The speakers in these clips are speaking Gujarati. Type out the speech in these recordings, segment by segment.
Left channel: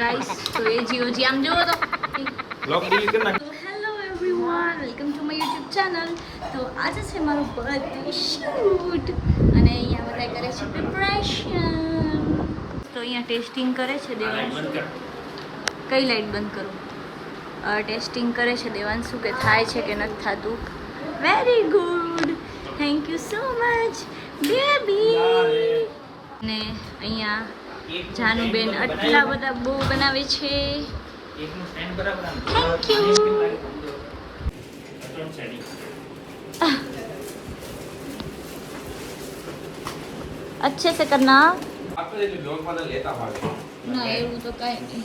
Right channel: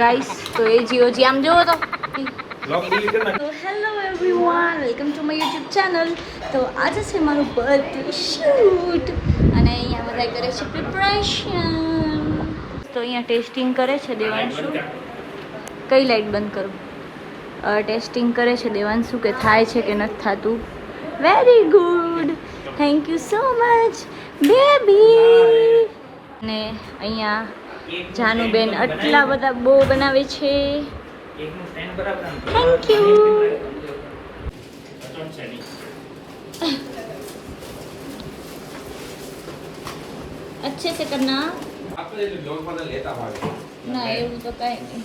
ગાઈસ તો એ જીઓજી આમ જોવો તો hello everyone welcome to my YouTube channel. તો આજે છે મારું બર્થડે શૂટ અને અહીંયા બધા કરે છે પ્રિપરેશન. તો અહીંયા ટેસ્ટિંગ કરે છે દેવાંશુ. કઈ લાઈટ બંધ કરું? ટેસ્ટિંગ કરે છે દેવાંશુ કે થાય છે કે નથી થતું. Very good, thank you so much baby. ને અહીંયા જાનુબેન આટલા બધા બો બનાવે છે. Thank you. अच्छे से करना ना, એવું તો કઈ નહીં.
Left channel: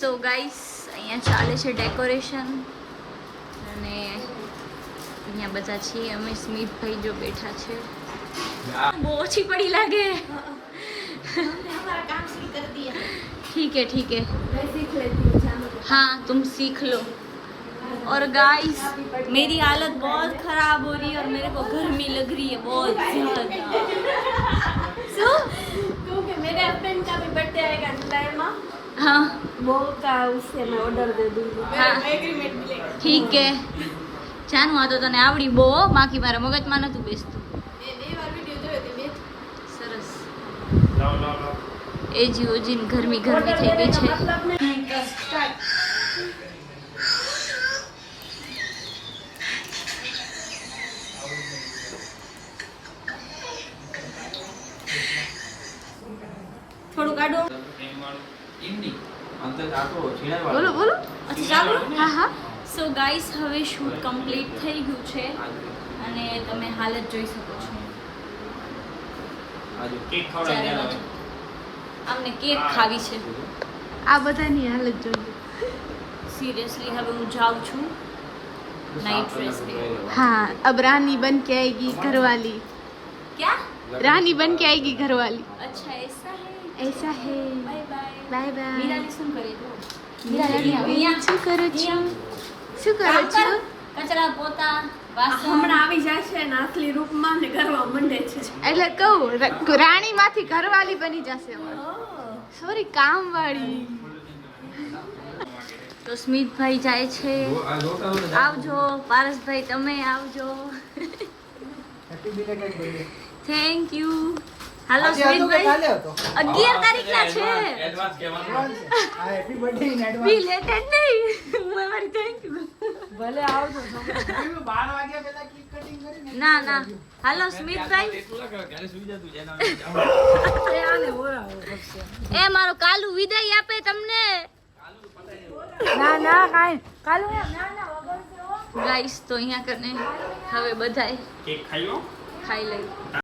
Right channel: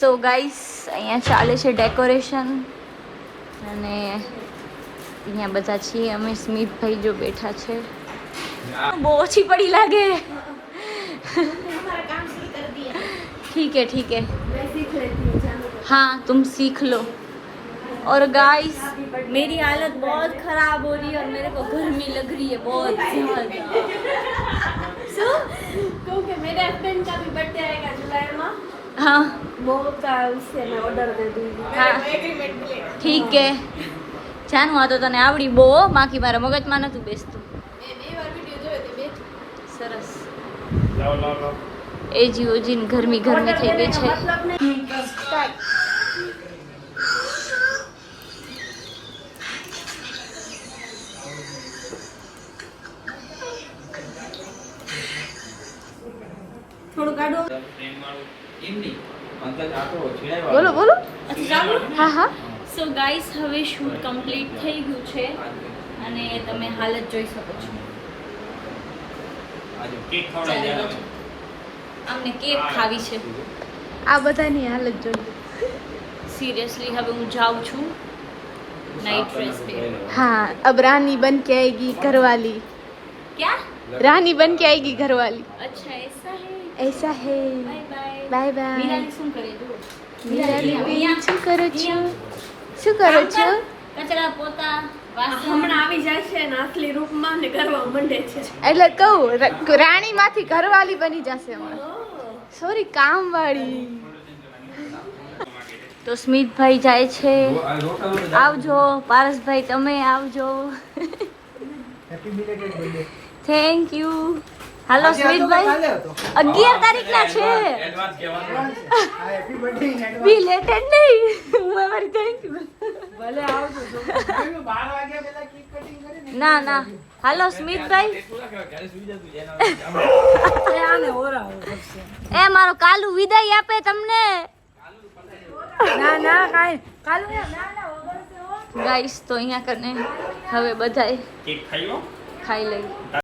તો ગાઈસ અહીંયા ચાલે છે ડેકોરેશન અને અહીંયા બધા છીએ અમે. સ્મિતભાઈ જો બેઠા છે. બહુ ઓછી પડી લાગે. ठीक है ठीक है, हाँ तुम सीख लो. और गाइस मेरी हालत बहुत खराब हो रही है और मेरे को गर्मी लग रही है बहुत ज़्यादा. क्योंकि मेरे हस्बैंड का भी बर्थडे आएगा जुलाई में. हाँ वो का उससे मैं ऑर्डर दे दूंगी. हाँ एग्रीमेंट मिलेगा. ठीक है. જાનું આ તો તને આવડી બહુ, બાકી મારા મગજમાં નતું બેસતું. મેં બે વાર વિડિયો જોયો તો બે સરસ. એ જીઓજીન ગરમી ગરમી થઈ ગઈ છે. થોડું કાઢો. બોલો બોલો. અચ્છા ચાલુ. હા હા. સો ગાઈસ હવે શૂટ કમ્પ્લીટ થઈ ગયું છે અને તમે હાલત જોઈ શકો છો. અમને કેક ખાવી છે. આ બધાની હાલત જોઈ. સિરિયસલી હવે હું જાઉં છું નાઇટ ડ્રેસ પહેરવા. हाँ अब रानी बन के आएगी घरवाली. क्या? रानी बन के आएगी घरवाली. अच्छा ऐसा है. ऐसा है. Bye bye. Bye bye. Mirali શું કરે જો? મીરાલી બેન શું કરો છો? શું કરો છો? કચરા પોતા વાસણ. હમણાં આવી જાય છે ને અસલી રૂપમાં ને કરવા માંડે છે. એટલે કહું રાણી માંથી ઘરવાલી બની જશે હમણાં. સોરી કામવાળી. તો સ્મિતભાઈ જાય છે. આવજો પારસભાઈ, તમે આવજો. Thank you. હાલો સ્મિતભાઈ, 11 તારીખના છે. બી લેટેડ નહીં. હું અમારી થેન્ક યુ. ભલે આવજો. 12 વાગ્યા પહેલા કેક કટિંગ કરે ને. ના ના, હાલો સ્મિતભાઈ. એ મારો કાલુ વિદાય આપે તમને. ના ના કાઈ કાલુ ગાઈસ તો અહીંયા કને હવે બધાય ખાઈ લઈ.